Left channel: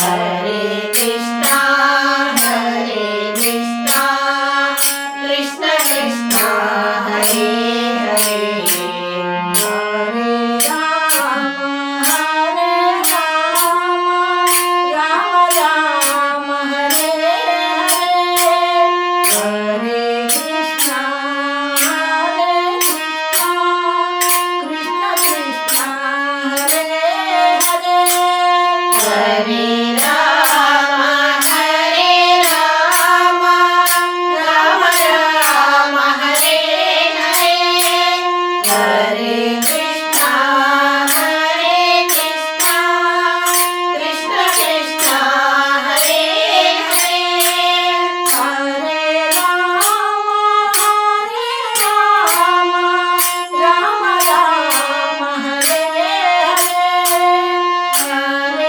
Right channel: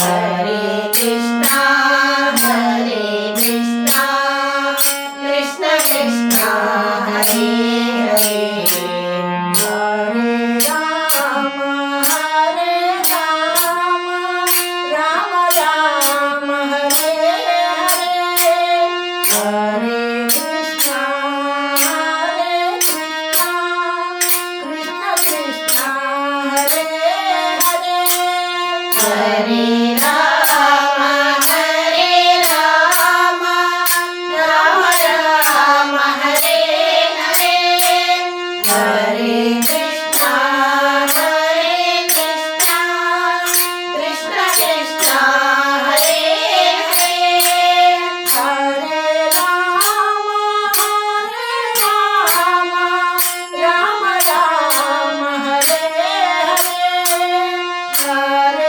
Hare Krishna Krishna Krishna Hare Hare Hare Ram Ram Ram Hare Hare Hare Krishna Krishna Krishna Hare Hare Hare Ram Ram Ram Hare Hare Hare Krishna Krishna Krishna Hare Hare Hare Ram Ram Ram Hare Hare Hare Krishna Hare Ram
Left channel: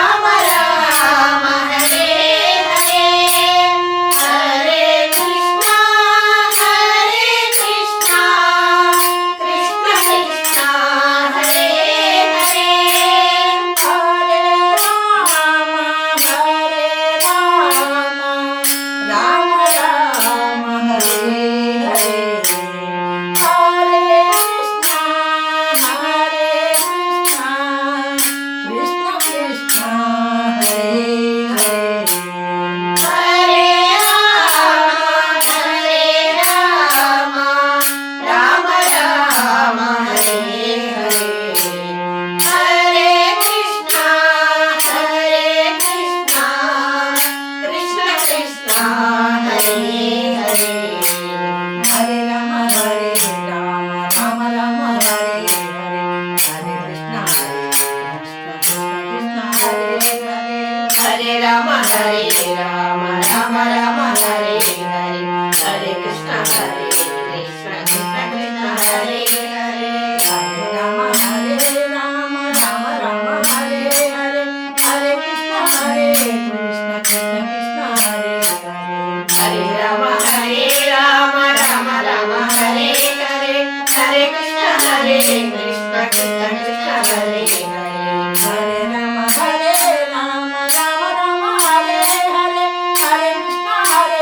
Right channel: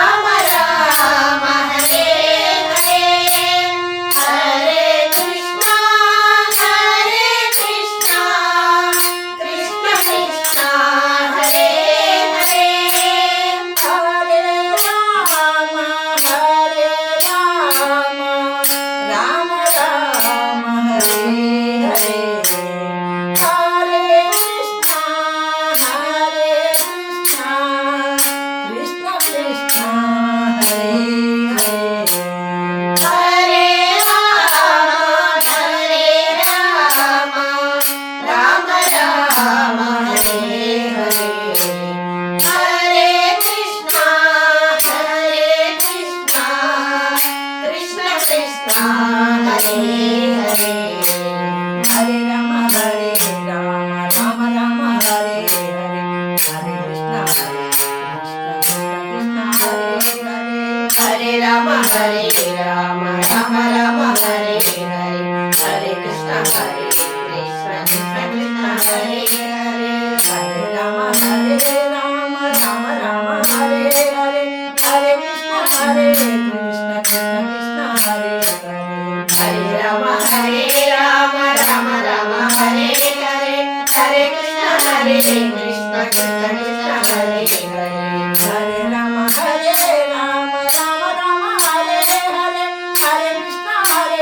Ram Ram Hare Hare Hare Krishna Krishna Krishna Hare Hare Hare Ram Ram Ram Hare Hare Hare Krishna Krishna Krishna Hare Hare Hare Ram Ram Ram Hare Hare Hare Krishna Krishna Krishna Hare Hare Hare Ram Ram Ram Hare Hare Hare Krishna Krishna Krishna Hare Hare Hare Ram Ram Ram Hare Hare Hare Krishna Krishna Krishna Hare Hare Hare Ram Ram Hare Hare Hare Krishna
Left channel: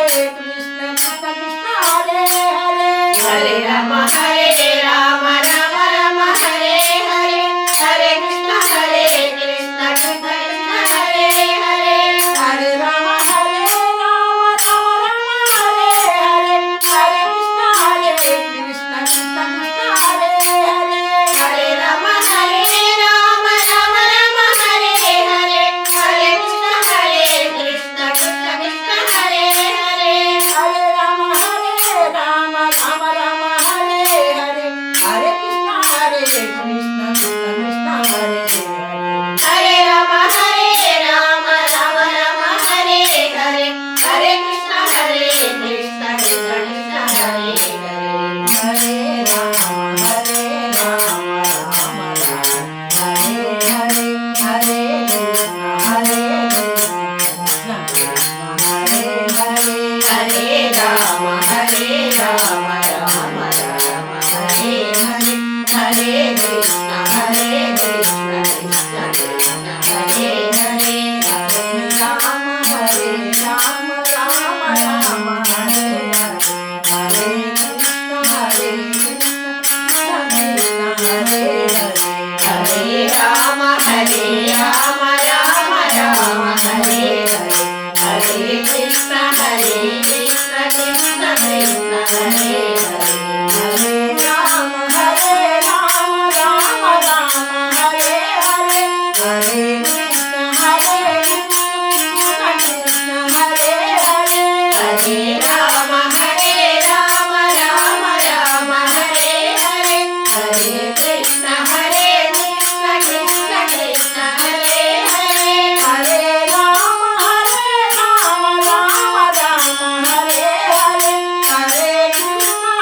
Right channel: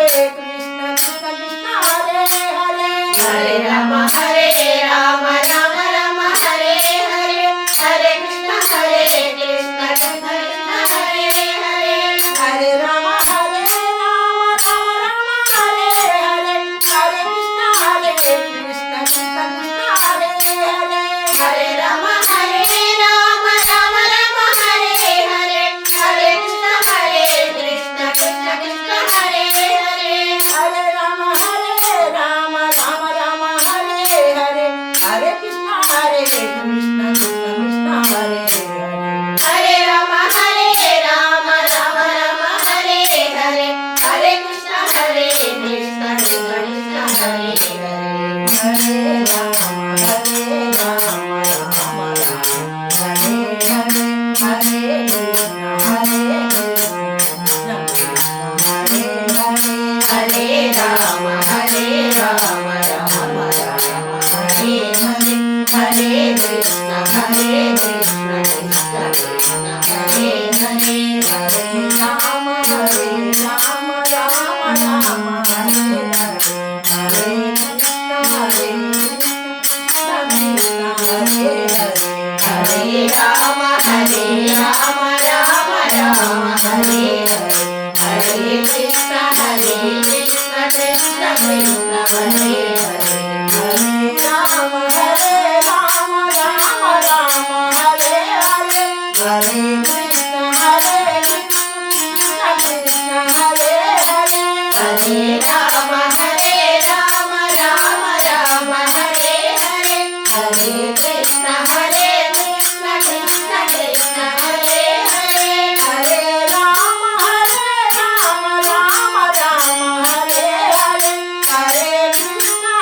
Krishna Krishna Hare Hare Hare Ram Ram Ram Hare Hare Hare Krishna Krishna Krishna Hare Hare Hare Ram Ram Ram Hare Hare Hare Krishna Krishna Krishna Hare Hare Hare Ram Ram Ram Hare Hare Hare Krishna Krishna Krishna Hare Hare Hare Ram Ram Ram Hare Hare Hare Krishna Krishna Hare Hare Hare Ram Ram Ram Hare Hare Hare Krishna Krishna Krishna Hare Hare Hare Ram Ram Ram Hare Hare Hare Krishna Krishna Hare Hare Hare Ram Ram Ram Hare Hare Hare Krishna Krishna Krishna Hare Hare Hare Ram Ram Ram Hare Hare Hare Krishna Krishna Krishna Hare Hare Hare Ram Ram Ram Hare Hare Hare Krishna Krishna Krishna Hare Hare Hare Ram Ram Ram Hare Hare Hare Krishna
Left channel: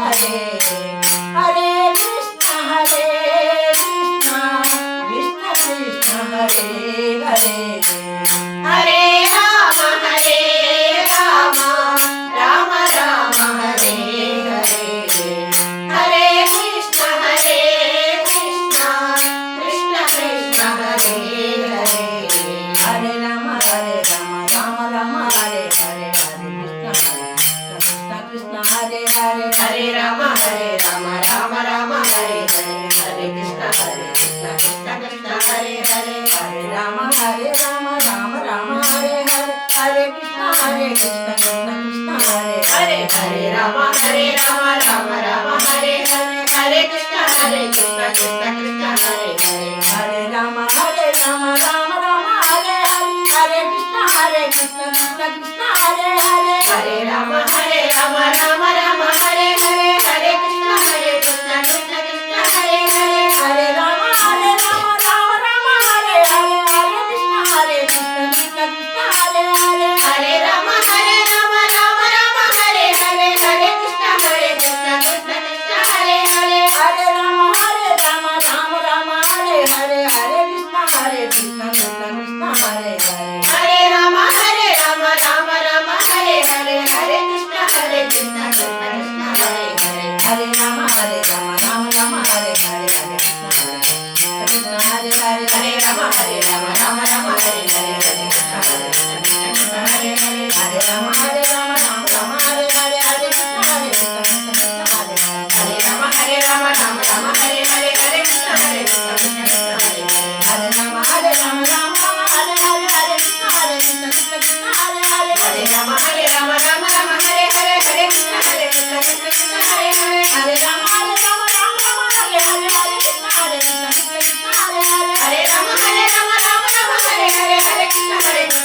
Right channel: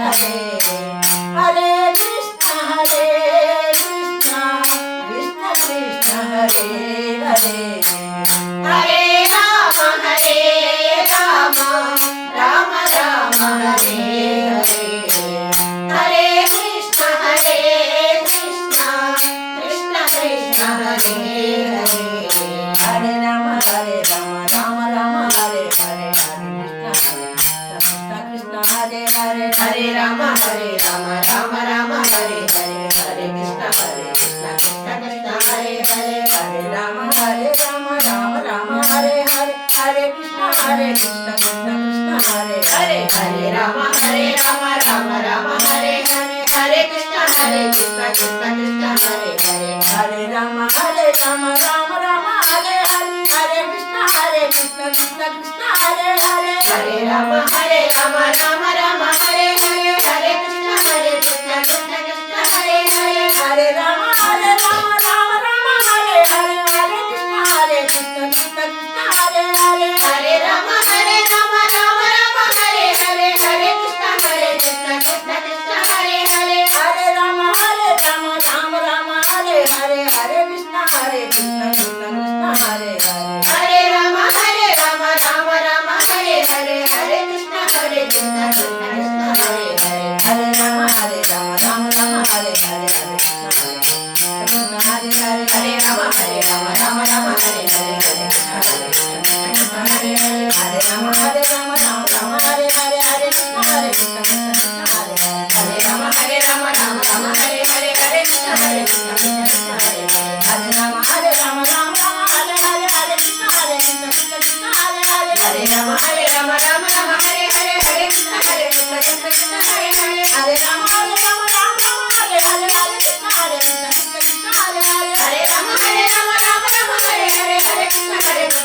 Hare Hare Krishna Krishna Krishna Hare Hare Hare Ram Ram Ram Hare Hare Hare Krishna Krishna Krishna Hare Hare Hare Ram Ram Ram Hare Hare Hare Krishna Krishna Hare Hare Hare Ram Ram Ram Hare Hare Hare Krishna Krishna Krishna Hare Hare Hare Ram Ram Ram Hare Hare Hare Krishna Krishna Krishna Hare Hare Hare Ram Ram Ram Hare Hare Hare Krishna Krishna Krishna Hare Hare Hare Ram Ram Ram Hare Hare Hare Krishna Krishna Krishna Hare Hare Hare Ram Ram Ram Hare Hare Hare Krishna Krishna Krishna Hare Hare Hare Ram Ram Ram Hare Hare Hare Krishna Krishna Krishna Hare Hare Hare Ram Ram Ram Hare Hare Hare Krishna Krishna Krishna Hare Hare Hare Ram Ram Hare Hare Hare Krishna Krishna Krishna Hare Hare Hare Ram Ram Ram Hare Hare Hare Krishna Krishna Krishna Hare Hare Hare Ram Ram Hare Hare Hare Krishna Krishna Hare Hare Hare Ram Ram Hare Hare Hare Krishna Hare Hare Hare Ram Ram Hare Hare Hare Krishna Krishna Hare Hare Ram Ram Hare Hare Hare Krishna Krishna Hare Hare Ram Ram Hare Hare Hare Krishna Krishna Hare Hare Hare Ram Ram Hare Hare Hare Krishna Krishna Hare Hare Hare Ram Ram Hare Hare Hare Krishna Krishna Hare Hare Hare Ram Ram Hare Hare Hare Krishna Krishna